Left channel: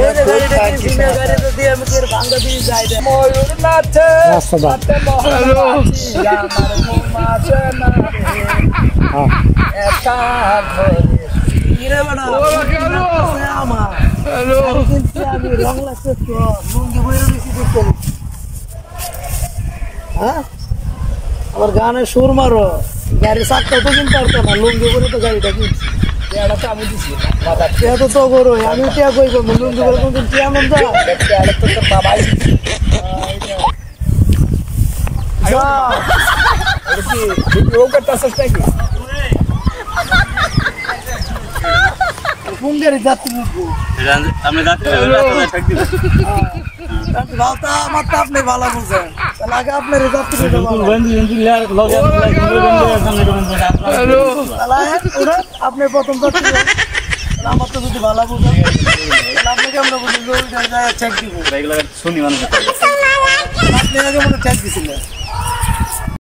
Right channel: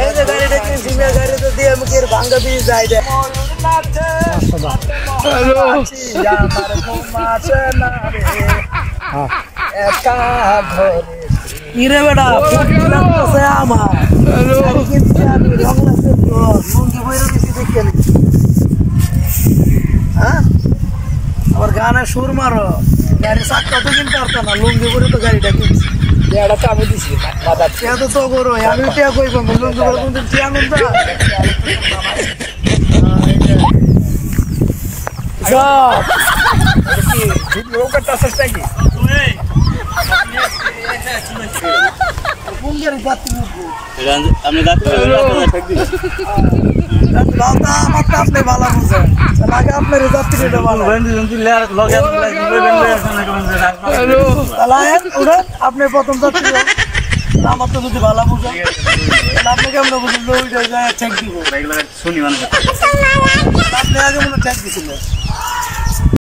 এই যে গাড়িটা কিনছি মেয়ে গাড়িতে দিয়ে আমি কি ভাঙ্গা দিয়ে যাই রে ময়ূর নাচে হ্যালো আমার ঘুমাছে না রে একা ধরে ইরে বেটা আমার হ্যালো কিন্তু আমি রং লাগছে তো লুঙ্গি বইরে বেশি দেখে নি হ্যাঁ আবার গানের সুর মারো গাড়ি চাকটা তো কিনতে পারতো না লুঙ্গি করে তো গাড়িটা কিনছি এটা তো আমি দিছি তো তো করো আমি টিয়া কইব লুঙ্গি করে কোনদিন টিয়া নাম দা আমি আপনি ভালো বুঝেন আপনার আপনি প্রথম যাত্রী আমার তো যদি ভালো বুঝেন আপনি কেমন বুঝেন ঠেক দিব শুনি মানুষ আপনি আগে মনে ঠেক দিছিলেন